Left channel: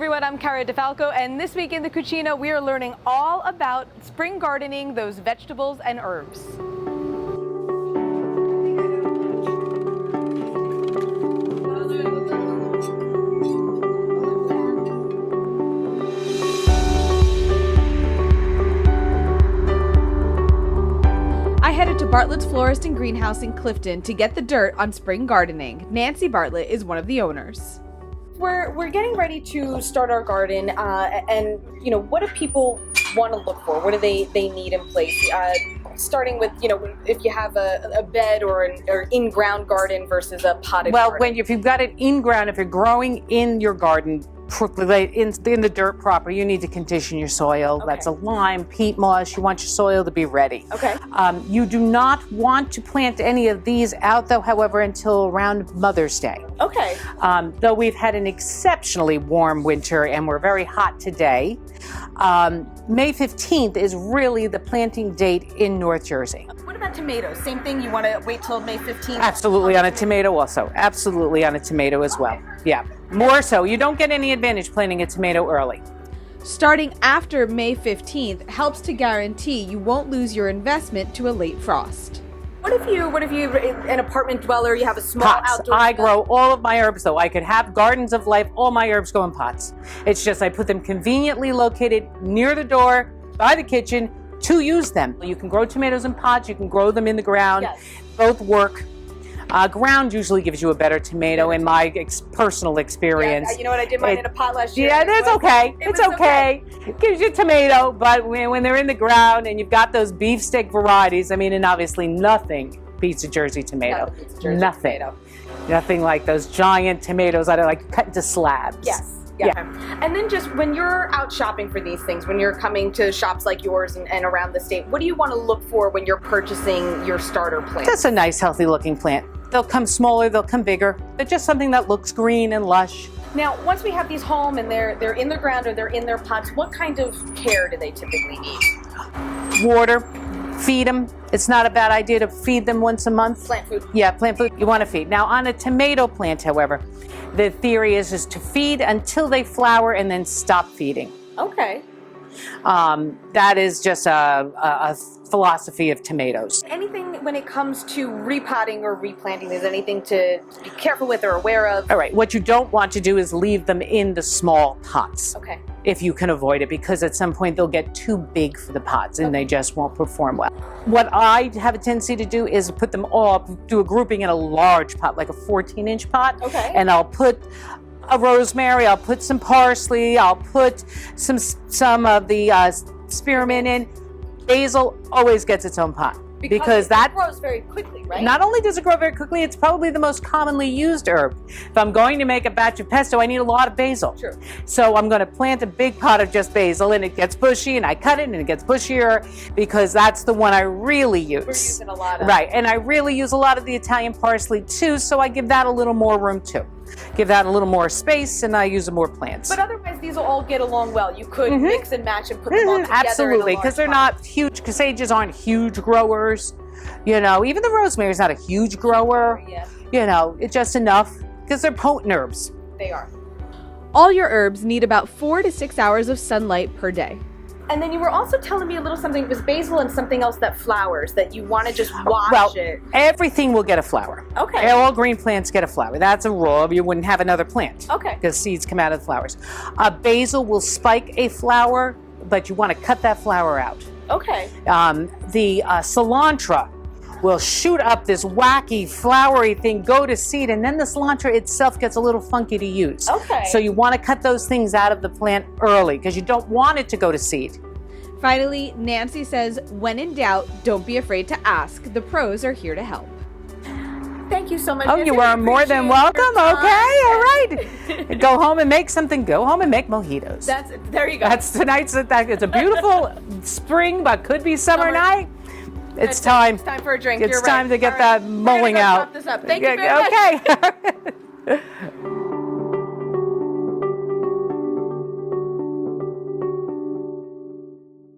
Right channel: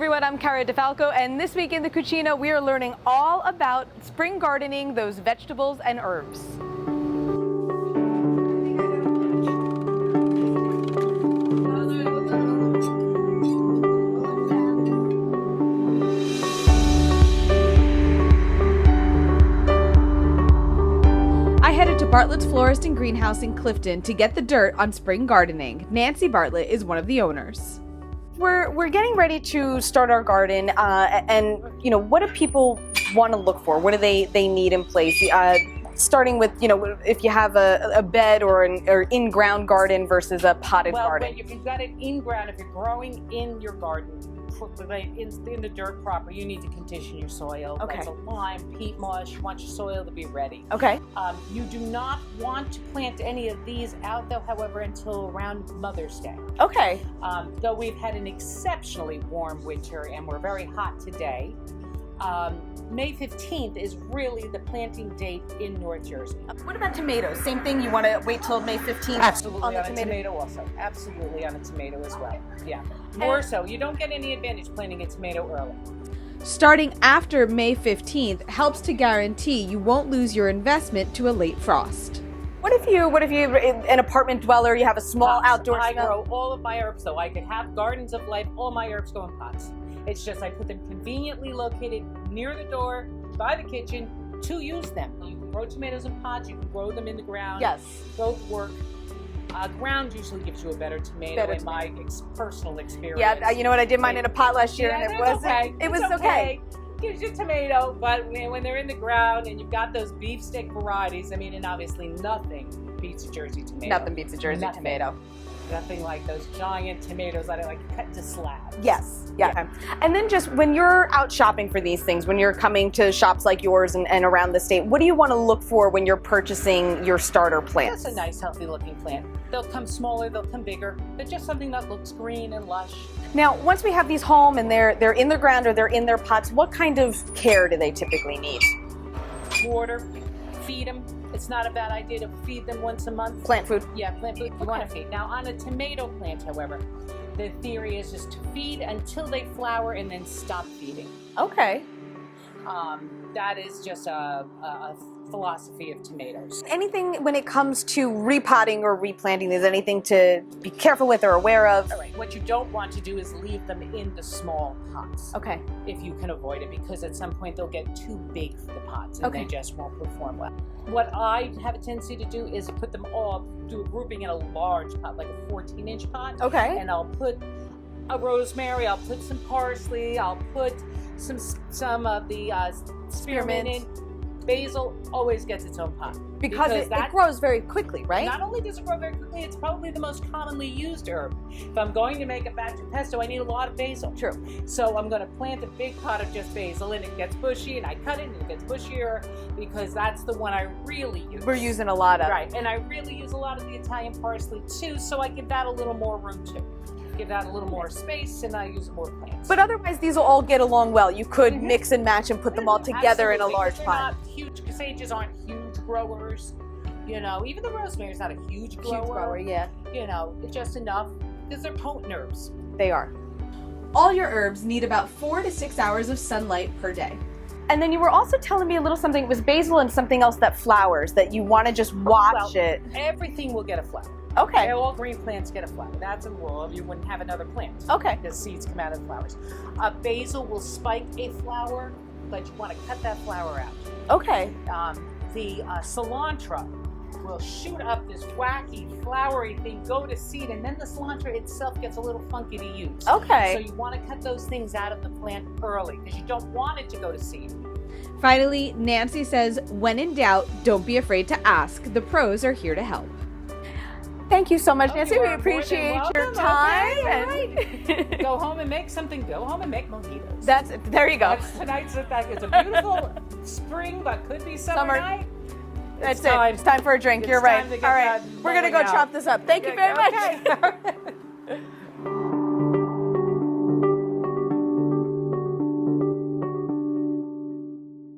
everyone, I'm Cara Di Falco, and this week in the Cucina, we are learning all about spring gardening, those vegetables and herbs. I headed to Bartlett's Florist and Greenhouse in Clifton to get the dirt on spring gardening. Nancy Bartlett is one of the owners. We're getting ready to start our garden, and you know, what do people want to look for? What do they need in place? Starting with, you know, if you have a bed or an in-ground garden versus a potted garden. If you've got it in-ground, if you're growing in your garden, in the dirt proper, you need to condition your soil. Okay. That's a lime, peat moss. You want your soil to be ready. Okay. You do not want to plant any of these out, though, however, until around Mother's Day. Okay. Though we've had an exceptionally warm winter and we're very hot today, May 15th is really the planting date in North Jersey. What about tomatoes? Same thing? You want to wait till May 15th? Absolutely on a tomato also. Absolutely on a tomato as well. Yeah. More so. You don't get any advantage planting a tomato early. Starting after May 15th helps to guarantee you won't lose your investment to a late frost. What if you, an apartment dweller, you have a small Pots. outdoor I space? grow all of my herbs, though. I could have gardens of life. All my herbs go in pots. It's just I put them conveniently located near the door, by the kitchen, to use them. You can grow tomatoes in pots. You can grow them in the ground. Yes. Both work. Ground usually gives you a better tomato in my personal experience. Yeah, you know what? I did mine in a pot last year. Yeah, it's okay. It It's was okay. It gives you tomato, but when they're in the ground and you've got those beefsteak varieties, I mean, and obviously nothing beats a Jersey tomato. Nothing beats a Jersey tomato. Nothing like those giant tomatoes that are like cut into slabs. Yes. Yeah. And then just when you're out shopping for these things, when you're coming to shops like yours and around the state, what do you want to look for when you're purchasing your starter plants? Just a nice, healthy looking plant. They'll come smaller, they'll come bigger. They're just something that looks green and lush. Now, once we have these home and they're in the ground or they're in their pots, what kind of care do they typically need? Water, feed them. It's not a bad idea to feed them once a month. Plant food. Yeah, plant food you want to feed. Now, on a tomato plant, however, the theory is just to feed until they flower and then stop feeding. Okay. That is just a philosophy of tomatoes. Anything when it comes to repotting or replanting, is anything to be careful with or aware of? All right, what you don't want to do is leave them in the small pots. Okay. If you can avoid it, because at some point they'll get too big for the pots and they just won't perform well. What I have a tendency to do is put them all, do a grouping in a large pot, like a 14-inch pot. Okay. And I'll put a rosemary, I'll put some parsley, I'll put some of the spearmint in. Basil always gets its own pot. Because that grows very quickly, right? Not only does it grow very quickly, it's probably the most commonly used herb. If I'm going to make a batch of pesto, I need a lot of basil. True. So I'm going to plant a big pot of just basil, and it gets bushy, and I cut it, and it gets bushier, because that's the one I really use. We're using a lot of. Right, and I really use a lot of the Italian parsley too, so I give that a little more room too. Give that a little more space, and I use more plants. But otherwise, these will all get along well. You could mix and match and put them all together. Absolutely, because they're not huge. Sages aren't huge growers. You know, even the rosemary is not a huge grower. Yeah. You know, it's just enough because they're potent herbs. They are. All your herbs need about 4 to 6 hours of sunlight per day. And then you were also telling me a little something. It was basil and something else that flowers, that you want to just watch it. Everything will get a flower. Okay. All green plants get a flower. That's a rule. You wouldn't have another plant. Okay. Because seeds come out of the flowers. Basil will spike a flower, but you want to cut that flower out. Okay. The cilantro will shoot up this wacky flowery thing, go to seed, and then the cilantro itself gets a little funky to use. Okay. So you want to cut those things out of the plant early because you don't want it to go to seed. Finally, Nancy says, when in doubt, don't be afraid to ask. The pros are here to help. Thank you so much, Nancy. You are more than welcome. Okay, all right. Go home and make something. Go home and make mojitos. There you go. That's tonight's. It's a beautiful spring, but could be summer night. It's time. It's time for a drink. It's You're time right. to get that mowing We're gonna go out. chop this up. Thank you very much. Okay.